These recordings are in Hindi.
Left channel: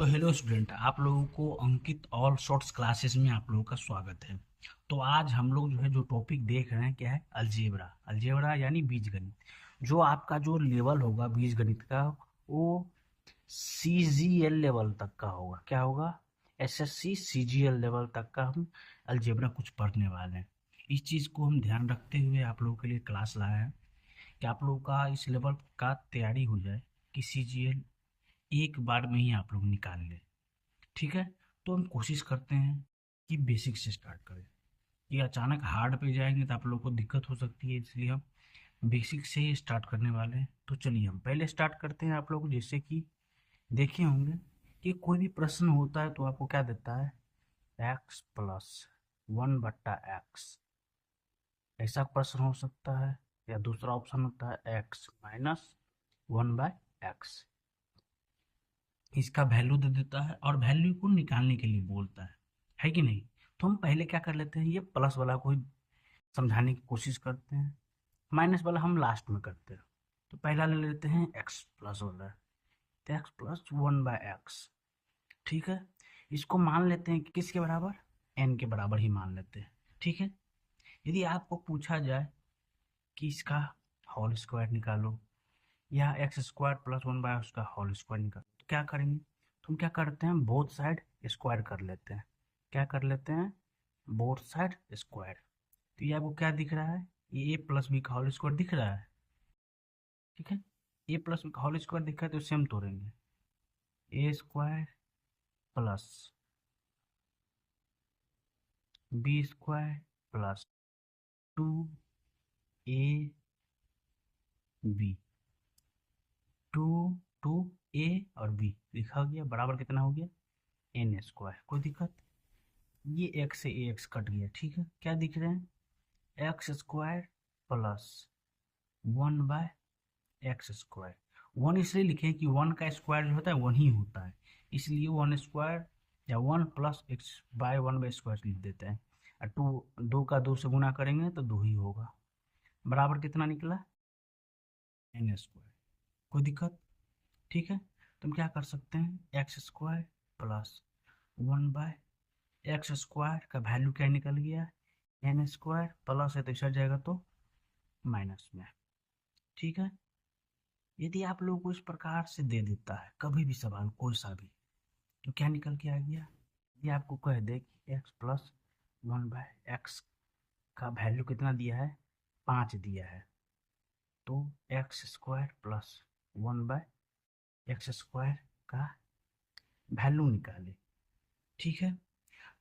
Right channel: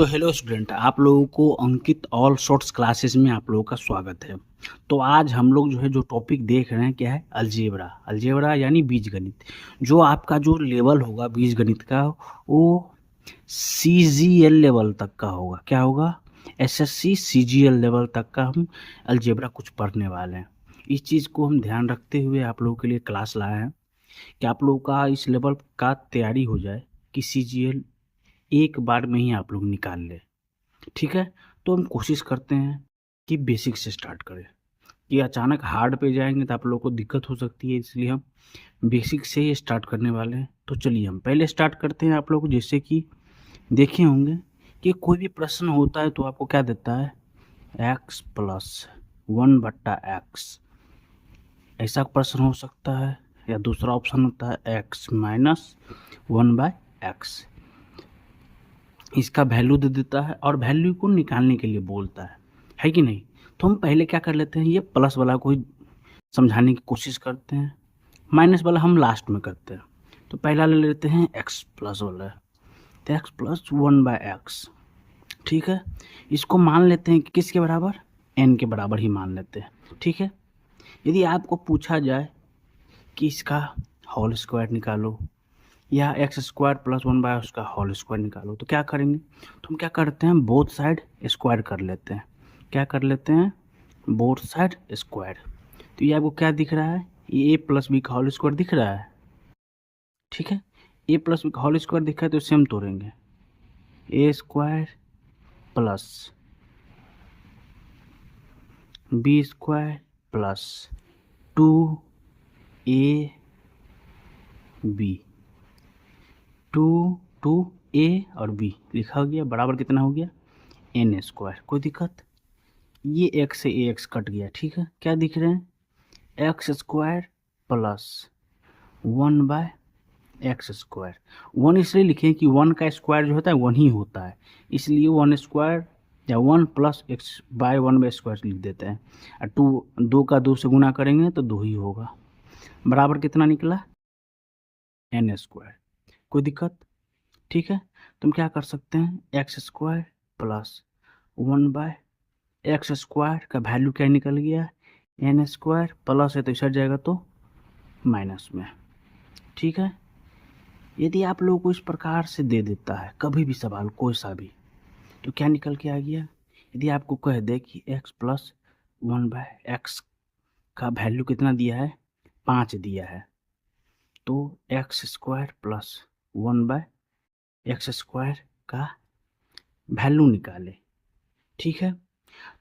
तो हेलो स्टूडेंट, आप लोगों को अंकित ऑल शॉर्ट्स क्लासेस में आप लोगों का स्वागत है। तो आज हम लोग जो टॉपिक देख रहे हैं क्या है, अलजेब्रा। अलजेब्रा यानी बीजगणित। जो आपका जो लेवल होगा बीजगणित का, वो सीजीएल लेवल तक का होगा। क्या होगा? एसएससी सीजीएल लेवल तक का हम अलजेब्रा कुछ पढ़ने वाले हैं। इस चीज़ को हम ध्यान रखते हुए आप लोगों के लिए क्लास लाए हैं कि आप लोगों का इस लेवल का तैयारी हो जाए कि सीजीएल एक बार में ही आप लोग निकाल ले। ठीक है, तो हम कोशिश करते हैं कि बेसिक से स्टार्ट करें। ये अचानक हार्ड पे जाएंगे तो आप लोगों को दिक्कत हो सकती है, इसलिए हम बेसिक से ही स्टार्ट करने वाले हैं। तो चलिए हम पहले स्टार्ट करते हैं। आप लोग जैसे कि देखे होंगे कि कोई भी प्रश्न होता है तो आपको क्या देता है, एक्स प्लस 1/x। ऐसा प्रश्न हो सकता है, या दूसरा ऑप्शन होता है एक्स माइनस 1/x। इसका वैल्यू दे देता है और वैल्यू को निकालने के लिए बोलता है कि नहीं। तो हम पहले क्या कर लेते हैं, ये प्लस वाला को ही समझाने की कोशिश करते हैं, माइनस वाला हम लास्ट में करते हैं। तो पहला ले लेते हैं एक्स प्लस वाला, तो एक्स प्लस 1/x। ठीक है, इसको मान लेते हैं कि किसके बराबर, एन के बराबर ही मान लेते हैं। ठीक है, यदि आपको पूछा जाए कि इसका होल स्क्वायर निकालो या एक्स स्क्वायर प्लस 1/, उसका होल स्क्वायर निकालो, तो क्या करेंगे, तो हम क्या करते हैं, बोथ साइड स्क्वायर कर लेते हैं। क्या कर लेते हैं, बोथ साइड स्क्वायर। तो ये आपको क्या दिख रहा है, ये ए प्लस बी का होल स्क्वायर दिख रहा है। ठीक है, ए प्लस बी का होल स्क्वायर दिखा है तो सेम तोड़ेंगे, A square plus B square plus 2ab। 2 a और b लिखा हो गया, बराबर कितना हो गया, एन स्क्वायर। कोई दिक्कत? ये एक्स से ए एक्स कट गया। ठीक है, क्या दिख रहे हैं, x square plus 1/x square. 1 इसलिए लिखे कि 1 का स्क्वायर जो होता है 1 ही होता है, इसलिए 1 स्क्वायर या 1 प्लस एक्स बाय 1 स्क्वायर लिख देते हैं। और 2 का 2 से गुना करेंगे तो 2 ही होगा, बराबर कितना निकला, एन स्क्वायर। कोई दिक्कत? ठीक है, तुम क्या कर सकते हैं, x square plus 1/x square का वैल्यू क्या निकल गया, एन स्क्वायर। प्लस है तो इधर जाएगा तो माइनस में। ठीक है, यदि आप लोगों को इस प्रकार से दे देता है कभी भी सवाल कोई सा भी, तो क्या निकल के आ गया, यदि आपको कह दे कि x प्लस 1/x का वैल्यू कितना दिया है, 5 दिया है, तो x square plus 1/x square का वैल्यू निकाले। ठीक है,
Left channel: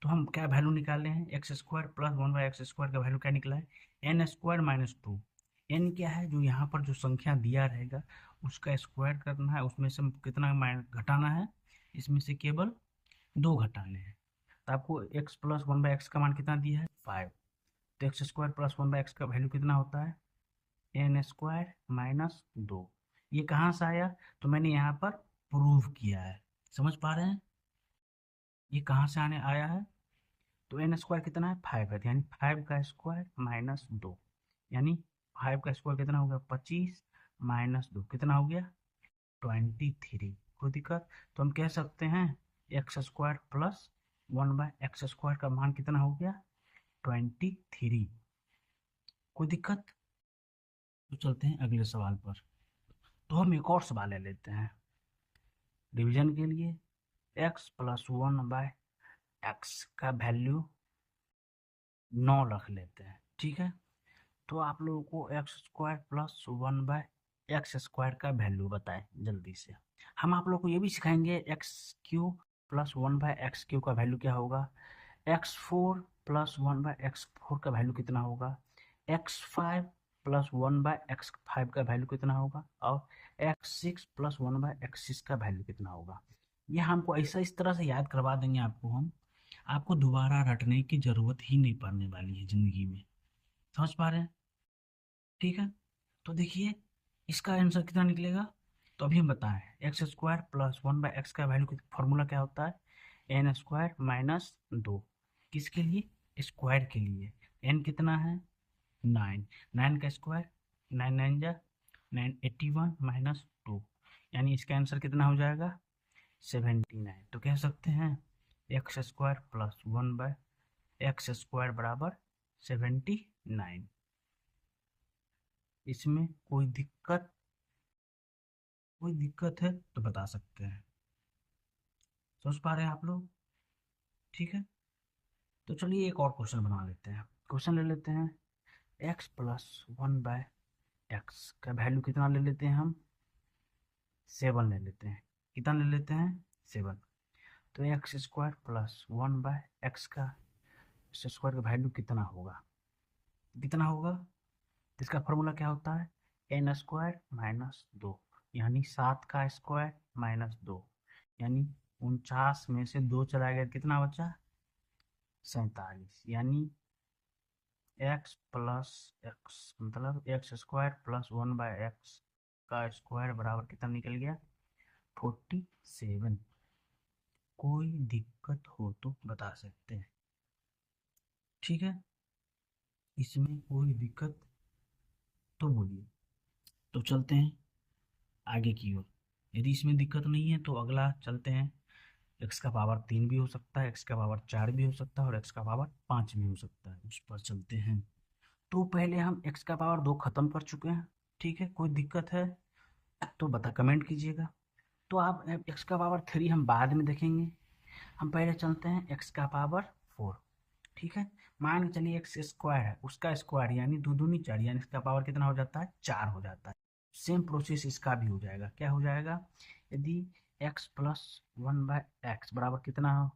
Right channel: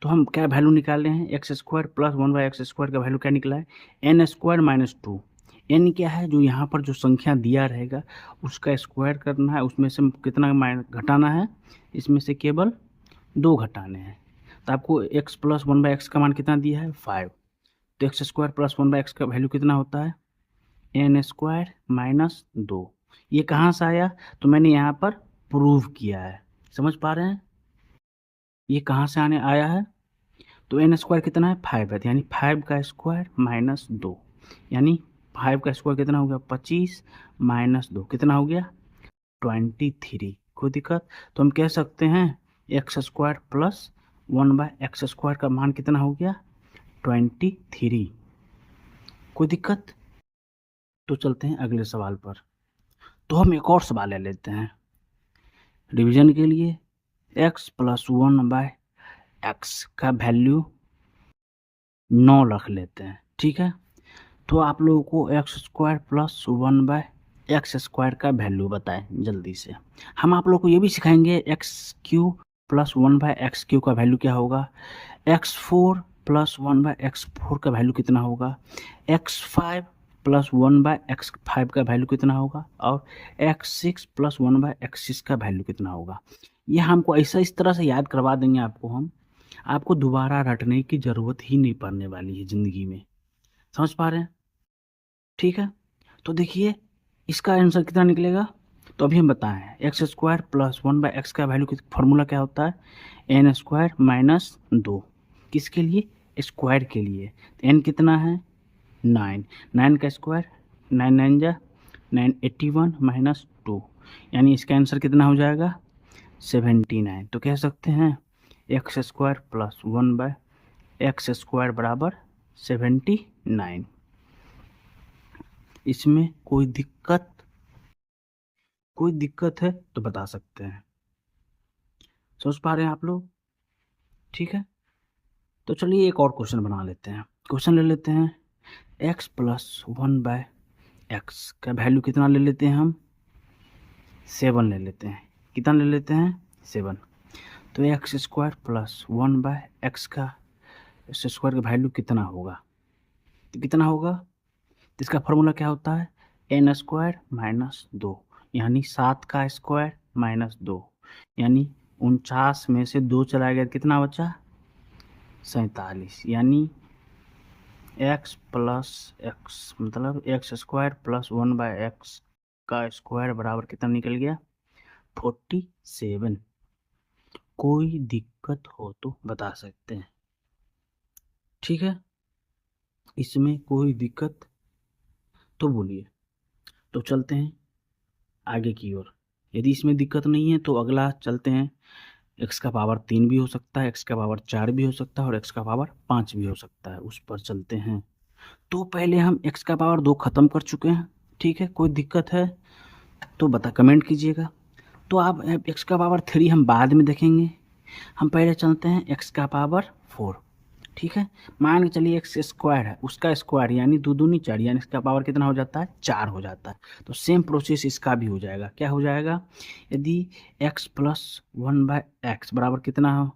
तो हम क्या वैल्यू निकाले हैं, x square plus 1/x square का वैल्यू क्या निकला है, एन स्क्वायर माइनस 2। एन क्या है, जो यहाँ पर जो संख्या दिया रहेगा उसका स्क्वायर करना है, उसमें से कितना घटाना है, इसमें से केवल 2 घटाने हैं। तो आपको एक्स प्लस 1/x का मान कितना दिया है, 5। तो एक्स स्क्वायर प्लस 1/x का वैल्यू कितना होता है, एन स्क्वायर माइनस 2। ये कहाँ से आया, तो मैंने यहाँ पर प्रूव किया है, समझ पा रहे हैं, ये कहाँ से आने आया है। तो एन स्क्वायर कितना है, 5 है, यानी 5 का स्क्वायर माइनस 2, यानी 5 का स्क्वायर कितना हो गया, 25 माइनस 2 कितना हो गया, 23। कोई दिक्कत? तो हम कह सकते हैं x square plus 1/x square का मान कितना हो गया, 23। कोई दिक्कत? तो चलते हैं अगले सवाल पर। तो हम एक और सवाल ले लेते हैं रिवीजन के लिए। x प्लस 1/x का वैल्यू 9 रख लेते हैं। ठीक है, तो आप लोगों को x square plus 1/x square का वैल्यू बताएं जल्दी से। हम आप लोग को ये भी सिखाएंगे x Q plus 1/x Q का वैल्यू क्या होगा, x4 प्लस 1/x4 का वैल्यू कितना होगा, x5 प्लस 1/x5 का वैल्यू कितना होगा, और x6 प्लस 1/x6 का वैल्यू कितना होगा। ये हमको ऐसा इस तरह से याद करवा देंगे आपको हम, आपको दोबारा रटने की ज़रूरत ही नहीं पड़ने वाली है ज़िंदगी में। समझ पा रहे हैं? ठीक है, तो देखिए इसका आंसर कितना निकलेगा। तो अभी हम बताएं, एक्स स्क्वायर प्लस 1/x का वैल्यू फॉर्मूला क्या होता है, एन स्क्वायर माइनस 2। किसके लिए, स्क्वायर के लिए। तो एन कितना है, 9। 9 का स्क्वायर 9 9 जा 9, 81 माइनस 2, यानी इसका आंसर कितना हो जाएगा, 79। तो कह सकते हैं एक्स स्क्वायर प्लस 1/x² बराबर 79। इसमें कोई दिक्कत है तो बता सकते हैं। समझ पा रहे हैं आप लोग? ठीक है, तो चलिए एक और क्वेश्चन बना लेते हैं। क्वेश्चन ले लेते हैं x प्लस 1/x का वैल्यू कितना ले लेते हैं हम? 7 ले लेते हैं। कितना ले लेते हैं? 7। तो x² प्लस 1/x का x² का वैल्यू कितना होगा? तो कितना होगा? तो इसका फॉर्मूला क्या होता है? n² माइनस 2, यानी 7 का स्क्वायर माइनस 2, यानी 49 में से 2 चला गया, कितना बचा? 47। यानी x प्लस एक्स मतलब x² प्लस 1/x का स्क्वायर बराबर कितना निकल गया? 47। कोई दिक्कत हो तो बता सकते हैं। ठीक है, इसमें कोई दिक्कत तो बोलिए। तो चलते हैं आगे की ओर। यदि इसमें दिक्कत नहीं है तो अगला चलते हैं। x का पावर 3 भी हो सकता है, x का पावर 4 भी हो सकता है और x का पावर 5 भी हो सकता है, उस पर चलते हैं। तो पहले हम x का पावर 2 ख़त्म कर चुके हैं। ठीक है, कोई दिक्कत है तो कमेंट कीजिएगा। तो आप x का पावर 3 हम बाद में देखेंगे। हम पहले चलते हैं x का पावर 4। ठीक है, मान के चलिए x² है, उसका स्क्वायर यानी 2 दूनी 4, यानी इसका पावर कितना हो जाता है? 4 हो जाता है। तो सेम प्रोसेस इसका भी हो जाएगा। क्या हो जाएगा? यदि x प्लस 1/x बराबर कितना हो,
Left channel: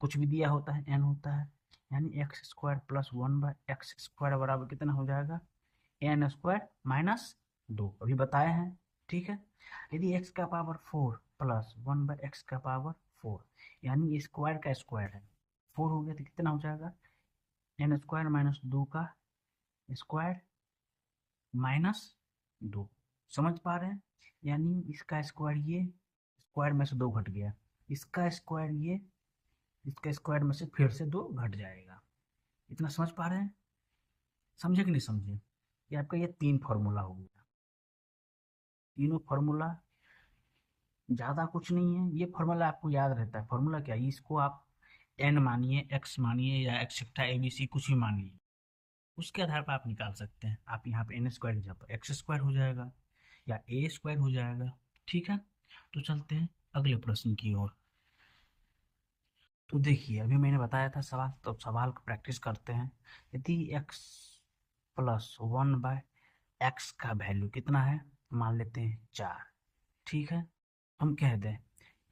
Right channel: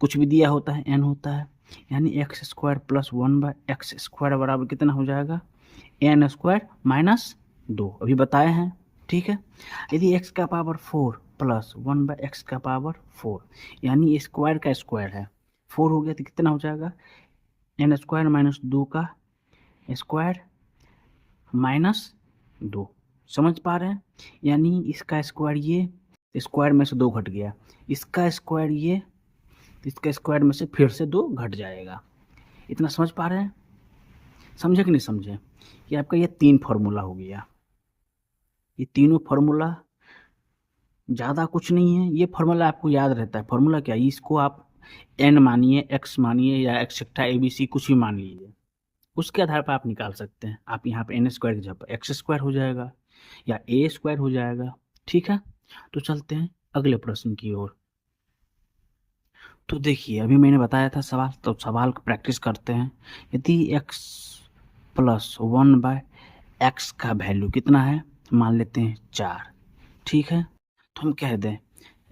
कुछ भी दिया होता है n होता है, यानी x² प्लस 1/x² बराबर कितना हो जाएगा? n² माइनस 2, अभी बताए हैं। ठीक है, यदि x का पावर 4 प्लस 1/x का पावर 4, यानी स्क्वायर का स्क्वायर है, 4 हो गया तो कितना हो जाएगा? n² माइनस 2 का स्क्वायर माइनस 2। समझ पा रहे हैं? यानी इसका स्क्वायर, ये स्क्वायर में से 2 घट गया, इसका स्क्वायर ये, इसका स्क्वायर में से फिर से 2 घट जाएगा। इतना समझ पा रहे हैं? समझे कि नहीं समझे? ये आपका ये 3 फार्मूला हो गया। ये तीनों फार्मूला ज़्यादा कुछ नहीं है, ये फार्मूला आपको याद रहता है। फार्मूला क्या है? इसको आप n मानिए, x मानिए या एक्सेट्रा ABC कुछ भी मान लीजिए, उसके आधार पर आप निकाल सकते हैं। आप यहाँ पे n² की जगह पर x² हो जाएगा या a² हो जाएगा। ठीक है, तो चलते हैं अगले प्रश्न की ओर। तो देखिए, अभी मैंने बताया था सवाल, तो सवाल को प्रैक्टिस करते हैं। यदि x प्लस 1/x का वैल्यू कितना है? मान लेते हैं 4। ठीक है, तो हम कह दें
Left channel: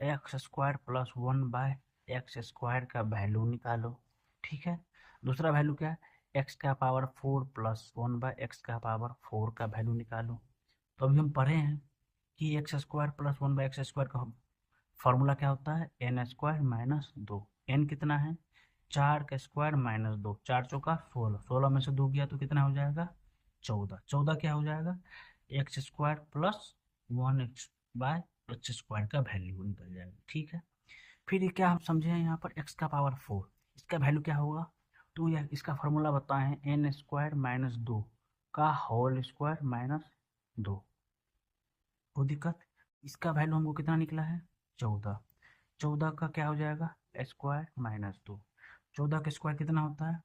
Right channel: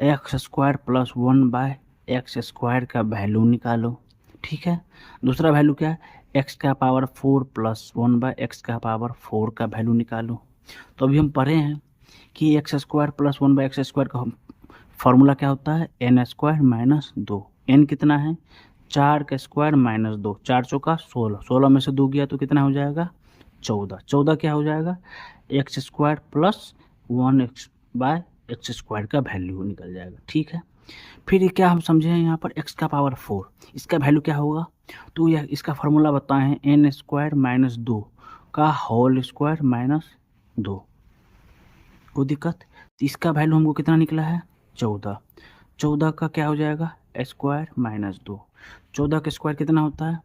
x² प्लस 1/x² का वैल्यू निकालो। ठीक है, दूसरा वैल्यू क्या है? x का पावर 4 प्लस 1/x का पावर 4 का वैल्यू निकालो। तो अभी हम पढ़े हैं कि x² प्लस 1/x² का फॉर्मूला क्या होता है? n² minus 2। n कितना है? 4 का स्क्वायर माइनस 2, 4 चौका 16, 16 में से 2 गया तो कितना हो जाएगा? 14। 14 क्या हो जाएगा? x² प्लस 1/x² का वैल्यू निकल जाएगा। ठीक है, फिर ये क्या हम समझे हैं यहाँ पर? x का पावर 4, इसका वैल्यू क्या होगा? तो यह इसका फार्मूला बताए हैं, n² माइनस 2 का होल स्क्वायर माइनस 2। कोई दिक्कत? तो इसका वैल्यू हमको कितना निकला है? 14। 14 का क्या हो जाएगा? Square minus 2। 14 का स्क्वायर कितना होता है?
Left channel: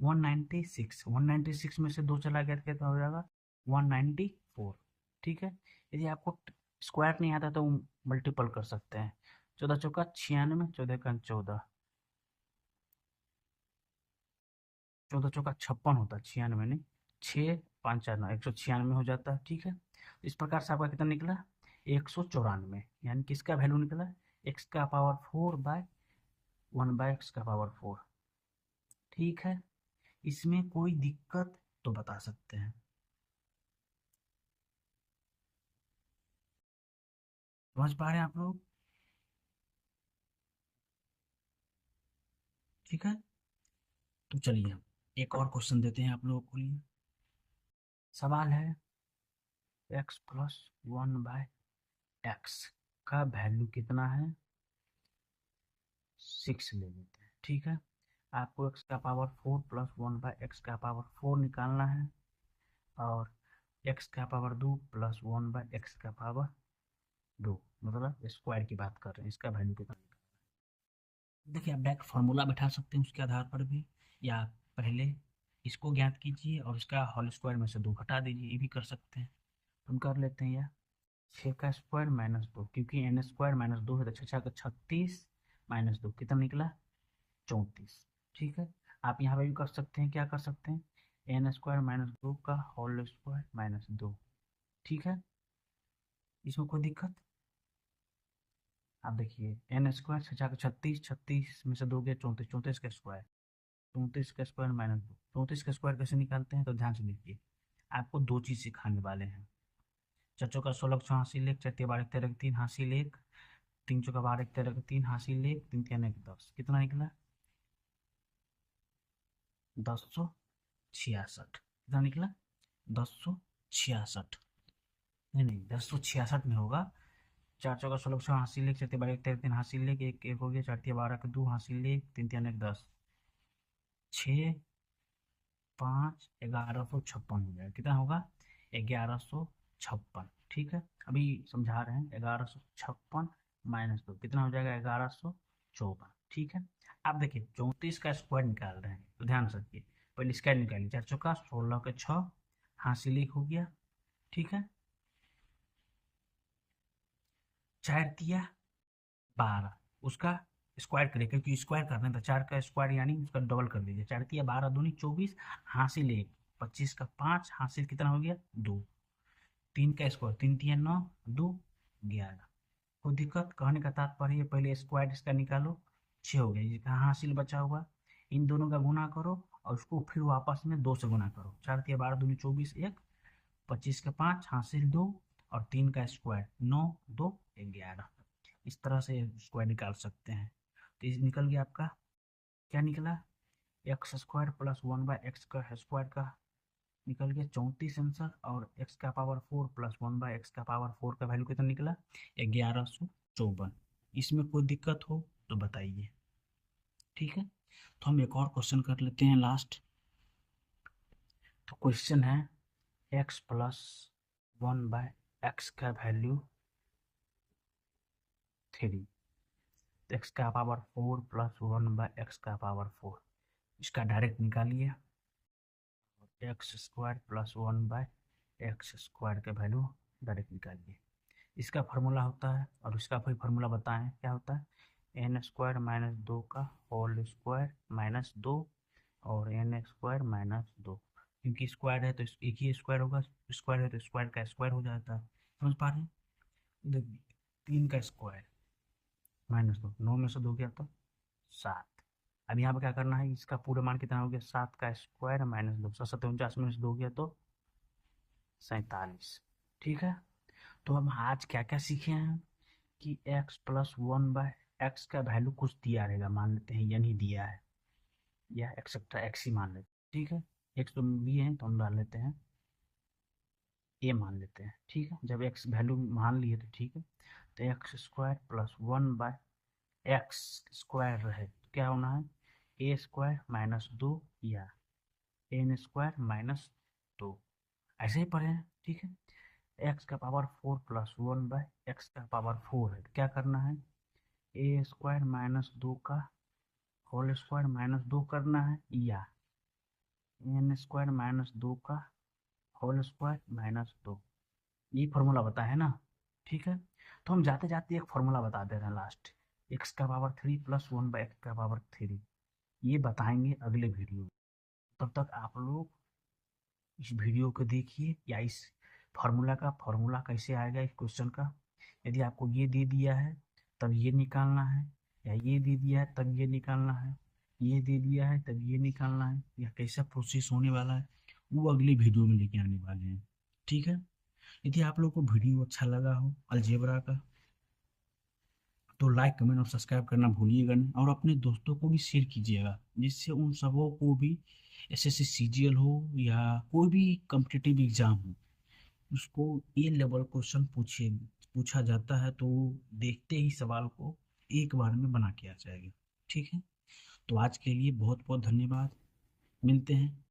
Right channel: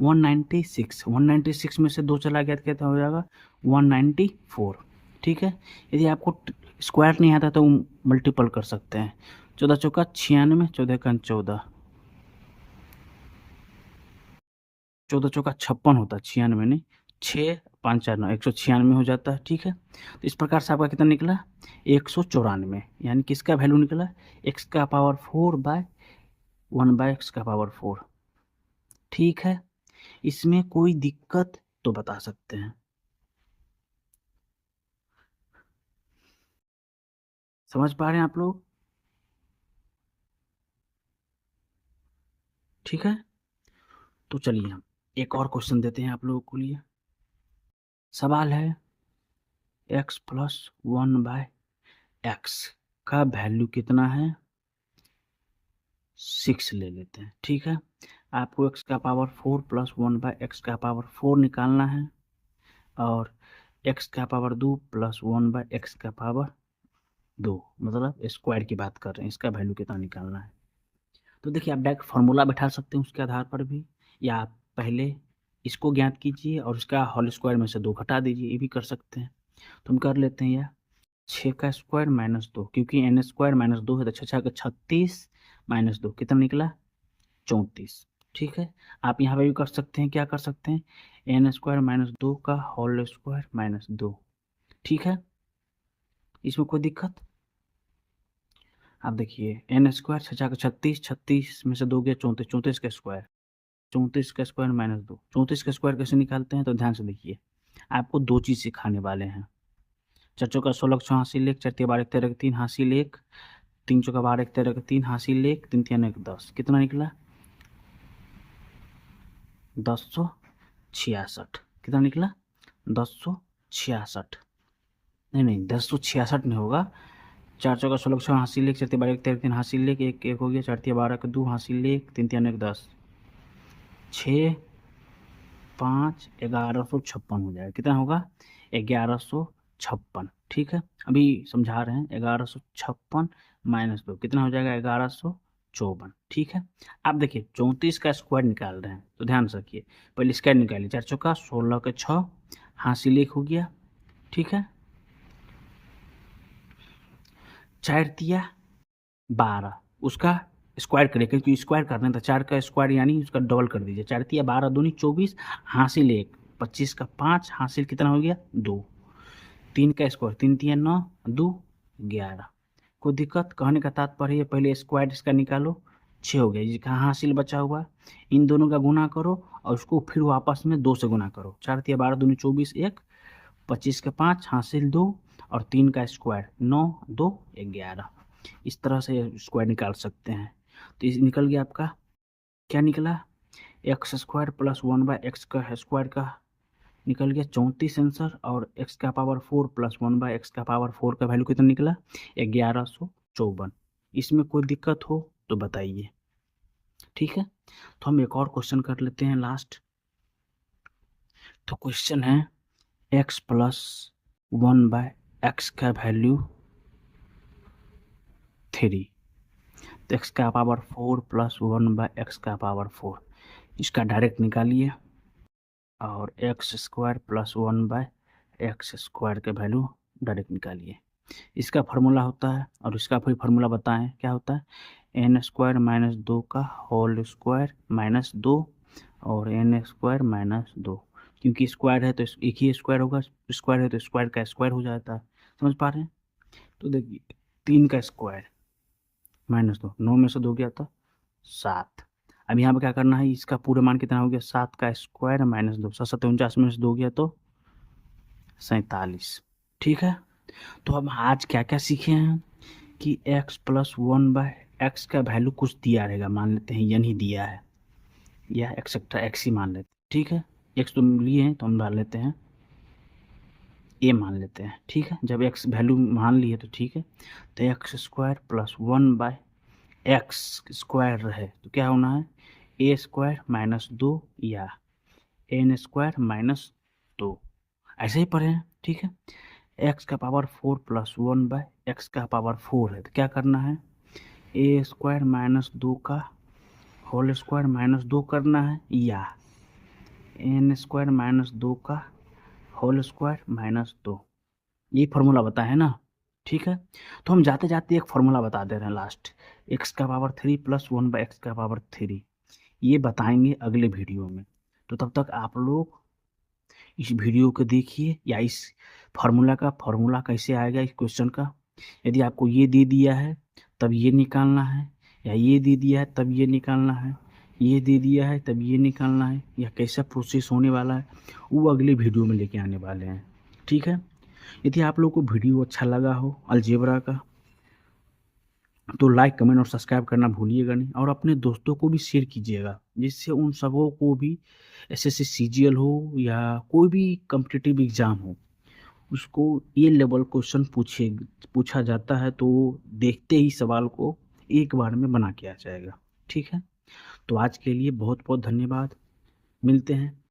196। 196 में से 2 चला गया तो कितना हो जाएगा? 194। ठीक है, यदि आपको स्क्वायर नहीं आता तो मल्टीपल कर सकते हैं। 14 चौका 96, 14 का 14, 14 चौका 56 होता है, 96 नहीं, 6 5 4 9, 196 हो जाता है। ठीक है, तो इस प्रकार से आपका कितना निकला? 194, यानी किसका वैल्यू निकला? x का पावर 4/1/x का पावर 4। ठीक है, इसमें कोई दिक्कत तो बता सकते हैं। समझ पा रहे हैं आप लोग? ठीक है, तो चलिए हम एक और क्वेश्चन देते हैं आप लोगों को लिए। सवाल है x प्लस 1/x का वैल्यू कितना है? 6 ले लेते हैं। ठीक है, आपको x का पावर 4 प्लस 1/x का पावर 4 निकालना है और x का पावर 2 प्लस 1/x का पावर 2, मतलब स्क्वायर की बात कर रहे हैं, इसका वैल्यू कितना निकालना है। तो देखिए आप डायरेक्ट फार्मूला बैठा सकते हैं उसके आधार पर भी, या आप पहले इसको ज्ञात कीजिए और इसका होल स्क्वायर में से 2 घटा दीजिए, ये भी कर सकते हैं। तो हम कर लेते हैं यह 6 का स्क्वायर माइनस 2, क्योंकि एन स्क्वायर माइनस 2 है तो 6 का 36 माइनस 2 कितना निकला 34। ठीक है, आप यहाँ पे भी कर सकते हैं, क्या कर सकते हैं, एन स्क्वायर माइनस 2 का होल स्क्वायर माइनस 2। ठीक है, इसमें कोई दिक्कत। आप देखिए एन स्क्वायर 6 का 36, 36 में से 2 गया 34, 34 का स्क्वायर, 34 का स्क्वायर माइनस 2, 34 का स्क्वायर कैसे निकालते हैं, तो ध्यान से देखिए, आपको 2 चीज़ सिखाने वाले हैं। 4 चौका 16 6 हासिल 1, 4 तिया 12 13 3 हासिल 1, 3 चौका 12 13 3 हासिल 1, 3 तिया 9 10, कितना निकला 1066। कितना निकला 1066। नहीं नहीं 1066 नहीं होगा, 4 चौका 16 6 हासिल 1, 4 तिया 12 13 3 हासिल 1, 1 1 हो गया, 4 तिया 12 का 2 हासिल 1, 3 तिया 9 10, 6 5 1156 हो जाएगा। कितना होगा 1156। ठीक है, अभी समझा रहे हैं, 1156 माइनस 2 कितना हो जाएगा 1154। ठीक है, आप देखिए 34 का स्क्वायर निकाल रहे हैं तो ध्यान से रखिए, पहले स्क्वायर निकालिए, 4 चौका 16 के 6 हासिल 1 हो गया। ठीक है, 4 तिया 12, उसका स्क्वायर करिए, क्योंकि स्क्वायर करना है तो 4 का स्क्वायर यानी उसका डबल कर दीजिए, 4 तिया 12 दूनी 24 हासिल 1, 25 का 5 हासिल कितना हो गया 2, 3 का स्क्वायर 3 तिया 9 2 11। कोई दिक्कत, कहने का तात्पर्य है पहले स्क्वायर इसका निकालो, 6 हो गया, ये कहाँ हासिल बचा हुआ, इन दोनों का गुना करो और उसको फिर वापस में 2 से गुना करो, 4 तिया 12 दूनी 24 1, 25 का 5 हासिल 2 और 3 का स्क्वायर 9 2 11। इस तरह से स्क्वायर निकाल सकते हैं। तो इस निकल गया आपका, क्या निकला एक्स स्क्वायर प्लस 1/x का स्क्वायर का निकल गया 34 आंसर, और x का पावर 4 प्लस 1/x का पावर 4 का वैल्यू कितना निकला 1154। इसमें कोई दिक्कत हो तो बताइए। ठीक है, तो हम एक और क्वेश्चन कर लेते हैं लास्ट। तो क्वेश्चन है x प्लस 1/x का वैल्यू 3, तो x का पावर 4 प्लस 1/x का पावर 4, इसका डायरेक्ट निकालिए और x square plus 1/x square के वैल्यू डायरेक्ट निकालिए। इसका फार्मूला होता है, और इसका फिर फार्मूला बताएं क्या होता है, एन स्क्वायर माइनस 2 का होल स्क्वायर माइनस 2 और एन स्क्वायर माइनस 2, क्योंकि स्क्वायर है तो एक ही स्क्वायर होगा, स्क्वायर है तो स्क्वायर का स्क्वायर हो जाता है। समझ पा रहे हैं, तो देखिए 3 का स्क्वायर माइनस 2, 9 में से 2 गया था 7। अब यहाँ पे क्या करना है, इसका पूरा मान कितना हो गया 7 का स्क्वायर माइनस 2, 7 49 में से 2 गया तो 47। ठीक है, तो अब आज क्या क्या सीखे हैं कि x प्लस 1/x का वैल्यू कुछ दिया रहेगा, मान लेते हैं n ही दिया है या एक्सेट्रा x ही मान लेते हैं। ठीक है, x तो लिए हैं तो हम डाल लेते हैं a मान लेते हैं। ठीक है, जब x वैल्यू मान लिए तो ठीक है, तो x square plus 1/x square है तो क्या होना है a स्क्वायर माइनस 2 या एन स्क्वायर माइनस 2, ऐसे ही पढ़े हैं। ठीक है, x का पावर 4 प्लस 1/x का पावर 4 है तो क्या करना है ए स्क्वायर माइनस 2 का होल स्क्वायर माइनस 2 करना है, या एन स्क्वायर माइनस 2 का होल स्क्वायर माइनस 2, ये फार्मूला बताए है ना। ठीक है, तो हम जाते जाते एक फार्मूला बता दे रहे हैं लास्ट, x का पावर 3 प्लस 1/x का पावर 3, ये बताएंगे अगले वीडियो में। तो तब तक आप लोग इस वीडियो को देखिए, या इस फार्मूला कैसे आएगा इस क्वेश्चन का, यदि आपको ये दे दिया है तब ये निकालना है, या ये दे दिया है तब ये निकालना है, ये दे दिया है तब ये निकालना है, या कैसा प्रोसेस होने वाला है वो अगले वीडियो में लेके आने वाले हैं। ठीक है, यदि आप लोगों को वीडियो अच्छा लगा हो अलजेब्रा का तो लाइक कमेंट और सब्सक्राइब करना भूलिएगा नहीं, और अपने दोस्तों को भी शेयर कीजिएगा, जिससे उन सबों को भी एसएससी सीजीएल हो या कोई भी कम्पिटिटिव एग्ज़ाम हो उसको ये लेवल क्वेश्चन पूछा जाता है तो देखते ही सवाल को एक बार में बना के आ जाएगा। ठीक है, तो आज के लिए बहुत बहुत धन्यवाद, मिलते हैं